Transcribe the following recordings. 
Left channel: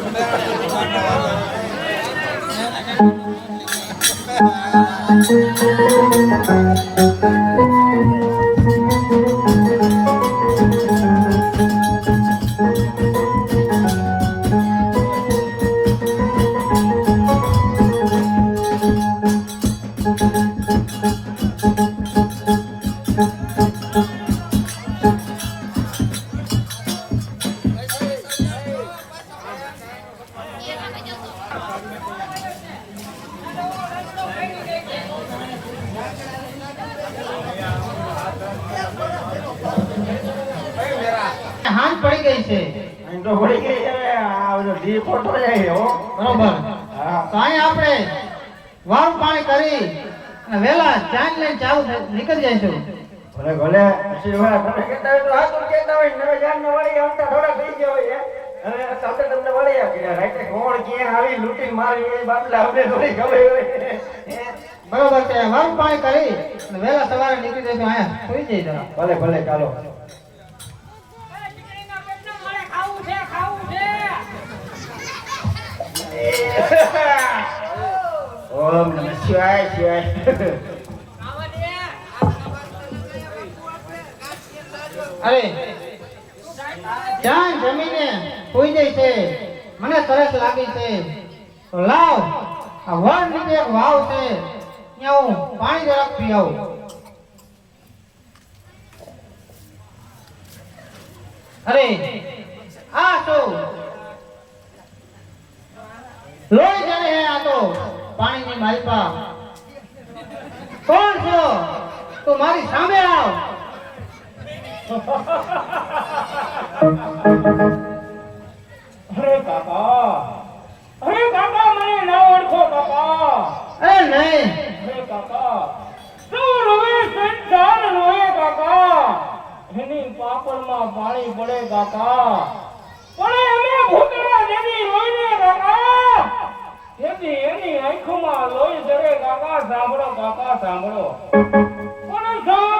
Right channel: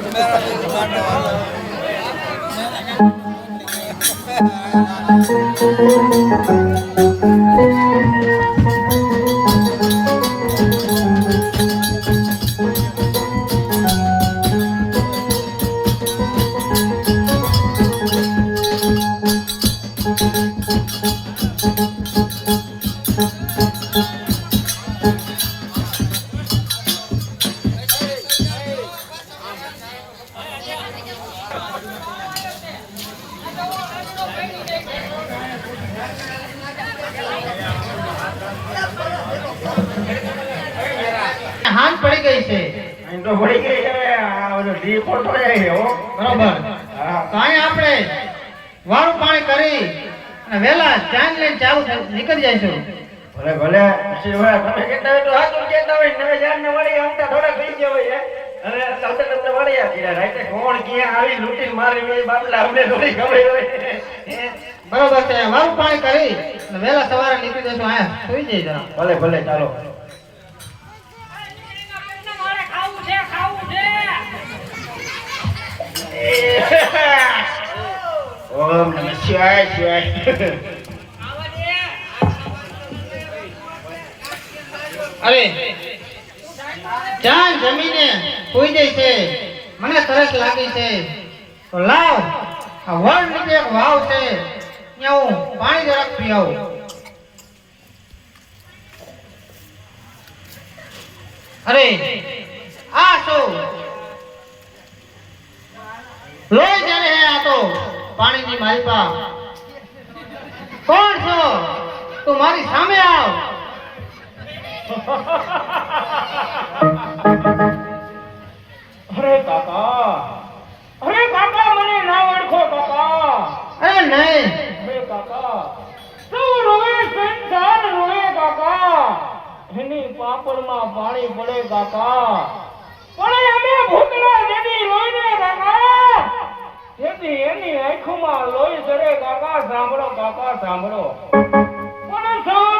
Thank you. છે અહીં તો પડી ગઈ છે આ બધો ડી ફોટો છે હો. બરોબર. હા. તો અહીં આપણે વારું પાણી કરી અને વેલા ચાંદ લઈને ચાલુ નીકળી જઈશું. ભલે ભલે. પછી હવે તમે કહેતા હોય તો કહેતા હોય. નવે જાન ને વળી આમતા થોડા થઈ ગયા હોય અને સાથે તમને વળી આપી રહ્યા. રાતે કોણ ક્યાં આવી લૂંટીને મારી વળી બાપલા અમને થોડી ખબર હોય. બરોબર છે. વારું પાણી કરી વહેલા સવારે નીકળી જઈશું. અહીંયા સુઈ જઈ જરા. ભલે ભલે ચાલો. ઓમ નમઃ શિવાય શિવાય અરે ચાંદ જમીને કોઈ જાય છે. મને તરસ લાગી છે. તો લાવ, આ વડ નીચે એક વાવ છે. ત્યાં હું પાણી જરાક પી આવું અરે, આ શું? લોહી જેને હે તું મારી સામે આવ. અરે કાકા અરે કાકા મને ના ઓળખો કાકા અરે નહીં. અરે કાકા તું રોવે સંસાર રોવે કાકા એની પાપડમાં પાણી પડે કાકા પણ અમે ભૂતમાં દેવી લોહીને કાકા એની એની આંખોમાં લોહી ધરે કાકા સાંભળો કાકા સાંભળો. પણ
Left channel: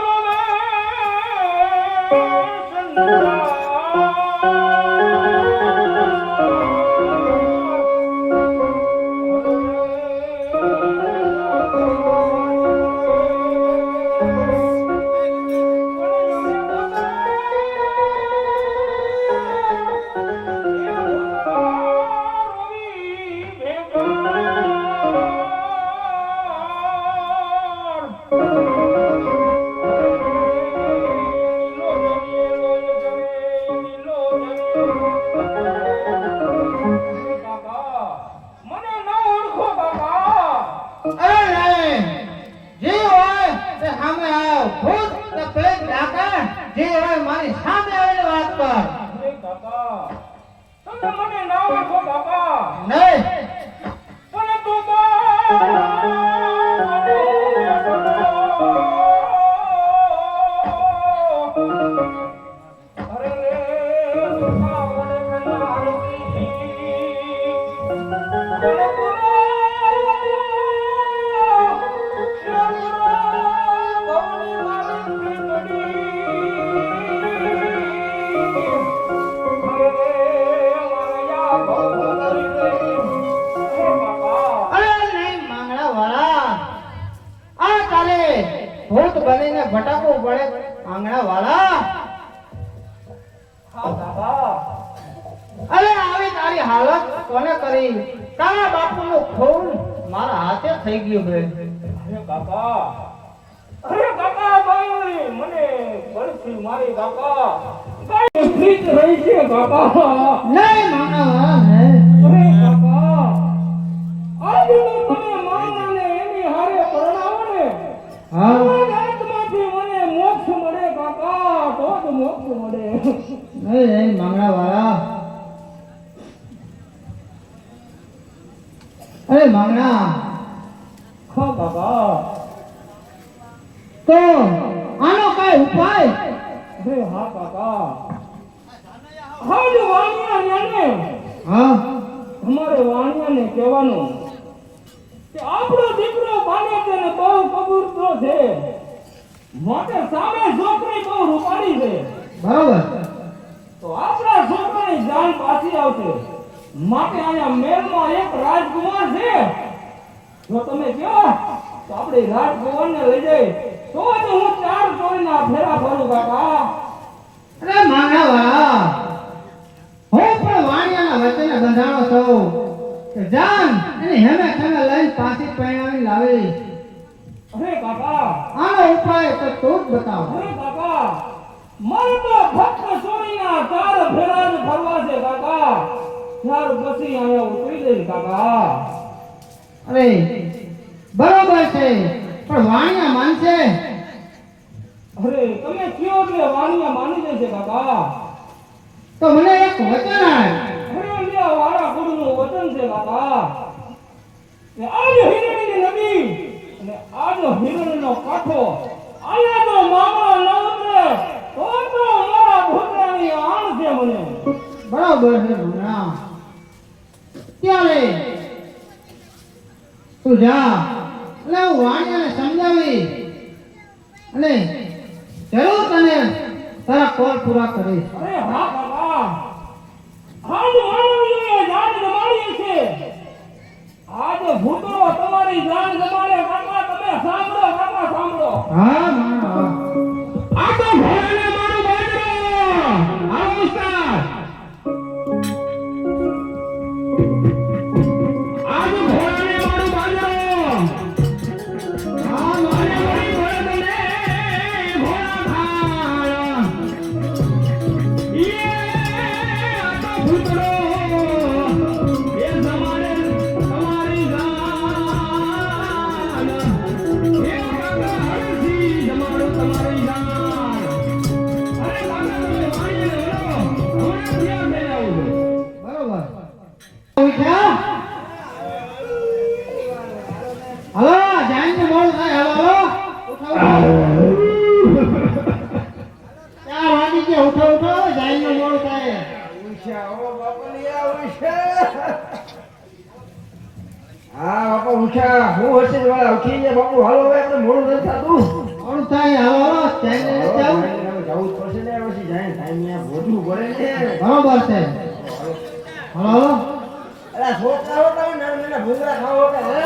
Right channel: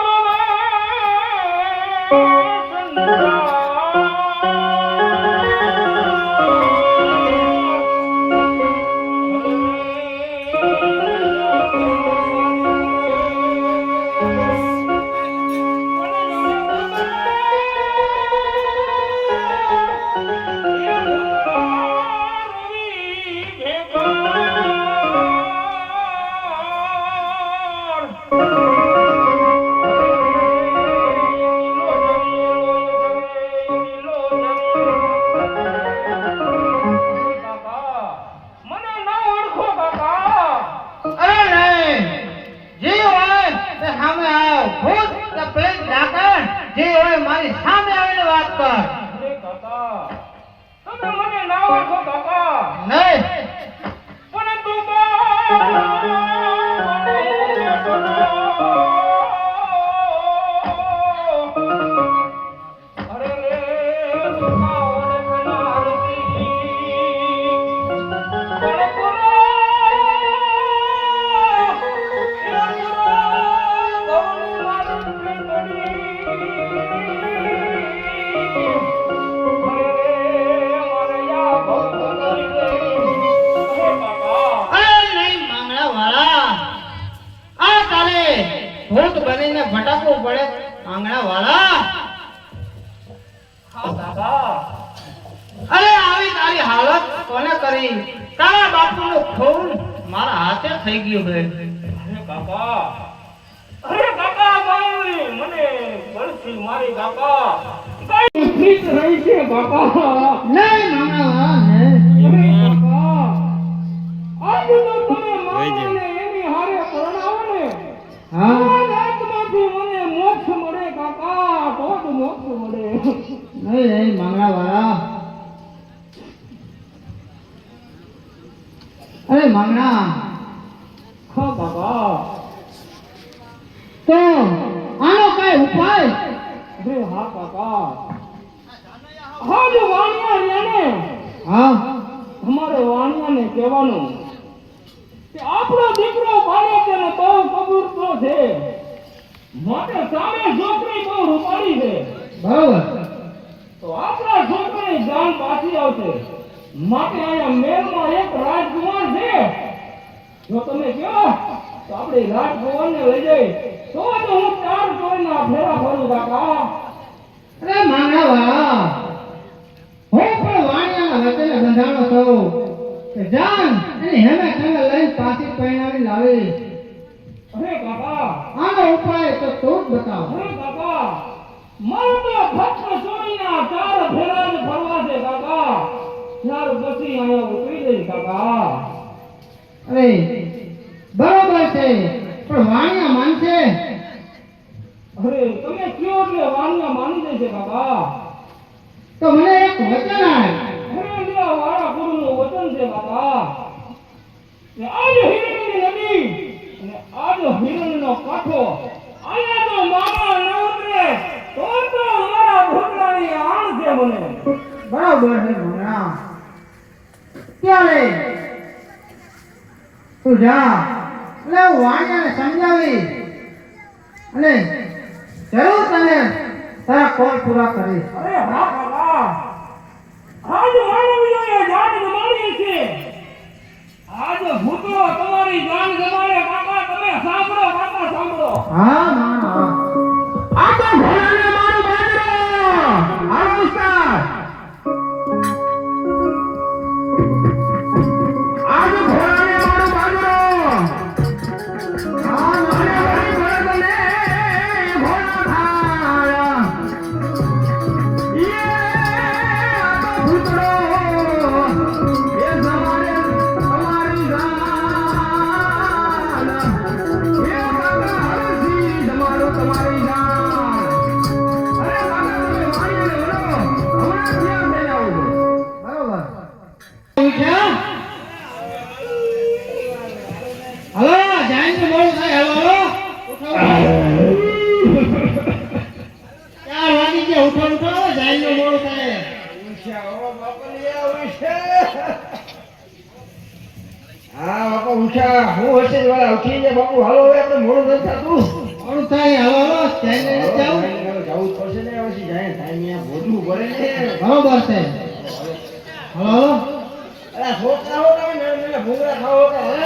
કાકા કોને કરી? તારા બાપુનું ખૂન મારા હાથે થઈ ગયું છે. અરે કાકા ભાઈ મને બળથી મારી કાકા કઈ ફીટ રહી છે કાકા નહીં માંગડા કાકા હા જો વાણિયા ને હા કહેવાનું કે આપણો દીકરો બાને ને બહુ કબૂરતો છે. માટે સામે છોકરી બહુ રૂપાળી છે. બરાબર. તો આપણા છોકરાની જાન પાછી આવશે. માટે અહીંયા મેળમાં એક રાજકુમાર છે. જો તમે કહો તો આપણે રાજકુમારને લઈ જઈ તો જ હું ચાર ચોરીના ફેરા ફરું કાકા. અરે માના પણ વાણિયાના વચ્ચેને બંધાણો છું. જાન એની હેમે ખેમે લઈને પાછી પહેરાવી લાવી અરે કાકા આનો ઉપાય તો તું જ બતાવ. અરે કાકા મારે તો ફક્ત ચોરીના ચાર ફેરા ફરવા છે કાકા ત્યાર પછી અહીંયા ઉતરી જઈશ કાકા અરે બરોબર છે પણ વાણિયા માનશે? અરે તમે કયો એટલે વાણિયા માની જશે કાકા તો મને એક વચન આપ હરિયા વાળા ગુરુનું વચન છે કાકા ને આજ હિરણની નદી અને આજ હિરણનો કાંઠો. આયા જો મામા ન ઉતરે તો તો મારા ભોગરાની આણ છે મને. બરાબર છે ભૂણા ત્યારે તું જા. એટલે વાણિયાને સમજાવી. અને જરૂર તને તારા કોલ પૂરા કરીશ. અરે હા વાહ આજ માનવીઓએ જાન ગમાડી છે. આજ ભૂતળો તમારી જાન ગમાડે કાકા તમે સાંભળો કાકા સાંભળો. હા હા બાપા ઉઠા. હું હશે વાળા ઉઠી જાય બાપુ. હાલો હવે આપણે મોડું નથી થતું. મોડું થાય હલો હલો જાઈને હાલો, જાઓ ભાઈ, હવે જવું પડશે ને પછી જાય. ટાઈમ ભોજવું પડે ને. બરોબર છે. Hello hello. છોકરા હો તમે? નાના નાના ભૂંગળા ખાઓ હે?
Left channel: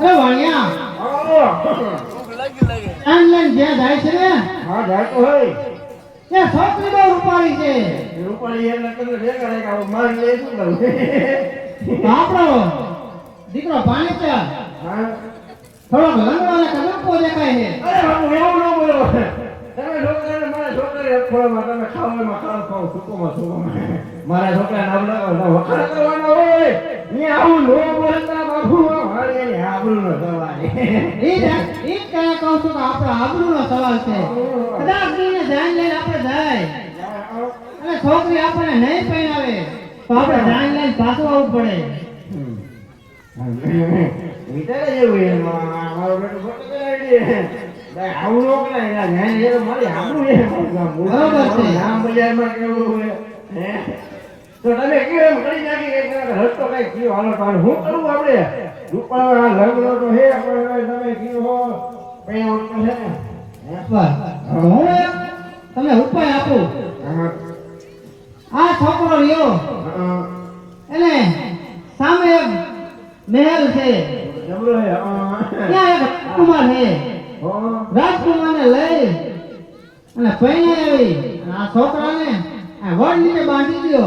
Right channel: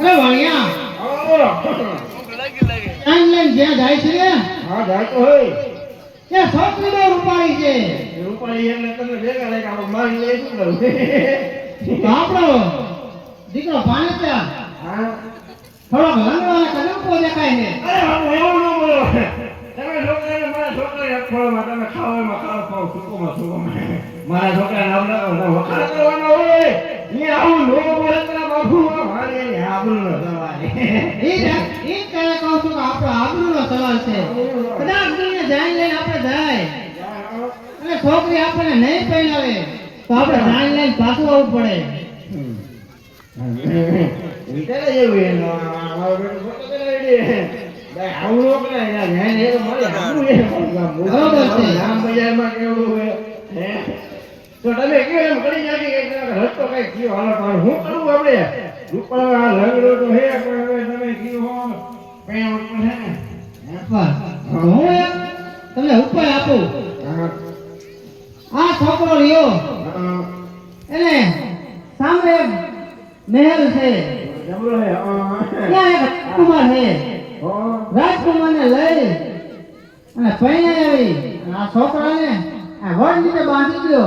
અરે વાણિયા. આવો ઓનલાઈન જ્યાં જાય છે ને. હા જાય તો હોય. છોકરી બહુ રૂપાળી છે. રૂપાળી એટલે તમે ભેગા લઈ આવો મારી લઈ શું કરું? આપણો દીકરો પાણી છે. થોડો લંગડો અને દેખાય છે. અરે બાપુ એવું ન બોલો. તમે છોકરાને મારા છોકરાને ખોળામાં તમે ખાવામાં ખાવ ખાવ સુકોમાં સુકોમાં. મારા છોકરા નામ ના વખાણ કરવાનો હોય. અહીંયા આવું નો બોલે તો બાપુ. મારી એની આબરૂ નો એ એ કે આપણો આબરૂનો સવાલ છે. કદાચ દુનિયા ધ્યાન લઈને આપણે જાય. અને છોકરી આપણને નહીં પહેરાવે, તો આપણે ધ્યાન લઈને પાછું આવવું પડે. કરાવી હે તો તમે કયો એમ કરી નાખી કે એક રસ્તો કઈ કયો? હાલો, તો હું કરું આપણે? રૂપાળા લંગડો તો હે, પણ તમે કયો તમને ઉપાય આપું આ છોકરો રહ્યો એને સામે મહેલ છે. ત્યાં એક કુમાર છે રાજકુમારને લઈ અને પહેરી આવી આ છોકરાને વડ નીચે બાંધી દો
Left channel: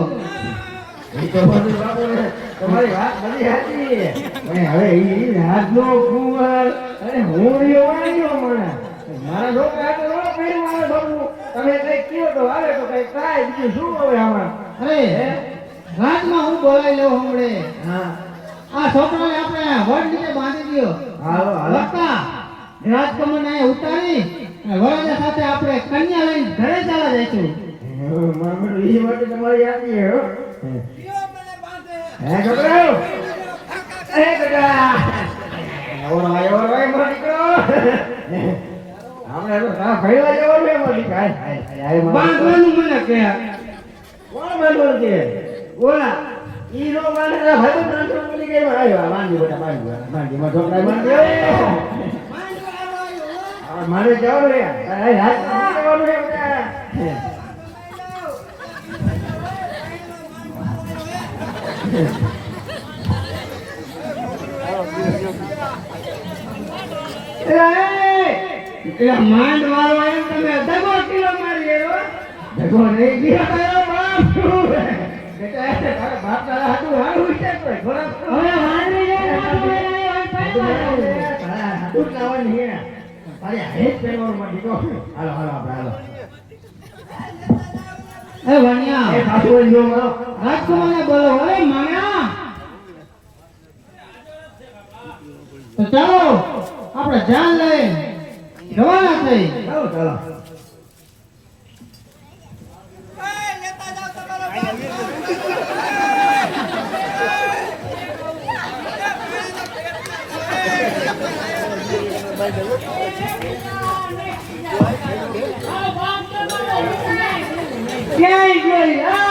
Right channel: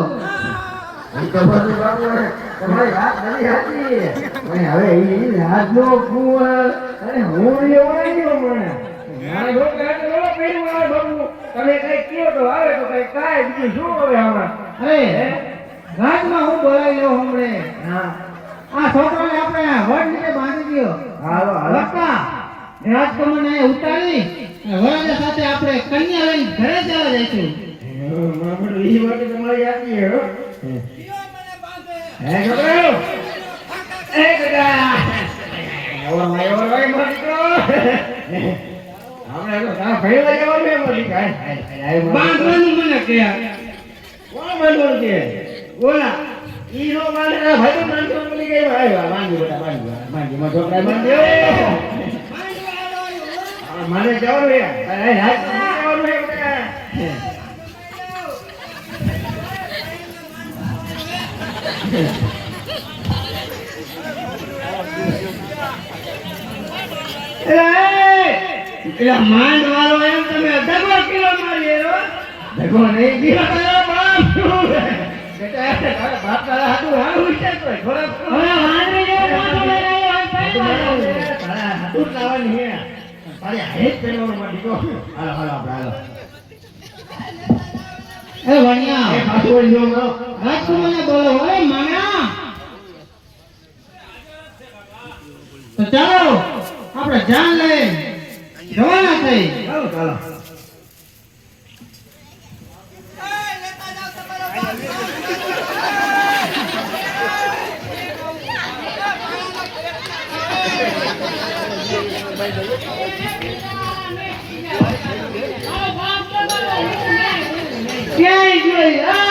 રાજમાં હું બોલાવી લઉં હમણે? હા. આ છોકરાને આપણે વડ નીચે બાંધી દો હાલો. લખતા રાજકુમારને અહીં ઉતારી વરરાજા સાથે આપણે કન્યા લઈને ઘરે ચાલા જઈશું. હમ, મારા વાત તમારી સાચી હો. હે? હે છોકરા. ભાઈ, ભાઈ, દીકરો. હમણાં તો દીકરો. બાંધવાનું મને કે કોણ બાંધવાનું છે? ઓલા. ઈ નો બાંધે, ભાઈ બોલી ગઈ. હાય, બાંધી બેટા, છોકરા. મારે જવાનું હાય, જવાનું છે એટલે માંડ વાળો એમ તમે દગો કિલો મારી એરો ભેગો નહીં ગયો તારો બાપ બેટા તારા બાપ તારા હાથું હારું છે તો હવે તો મારો. તારા હાથું જ લાવવાની હે. તારે હેત પહેરવાનું માં દીકરો હાલો હાલો આપણે હાલો. એ વણિયા. એ પાછું જો મારો. રાજકુમારને બોલો ઓય માણા! તો ચાલો આપણે જાન લઈ રવાના થઈ. ચાલો ચાલો. ક્યાંય જોઈ એ!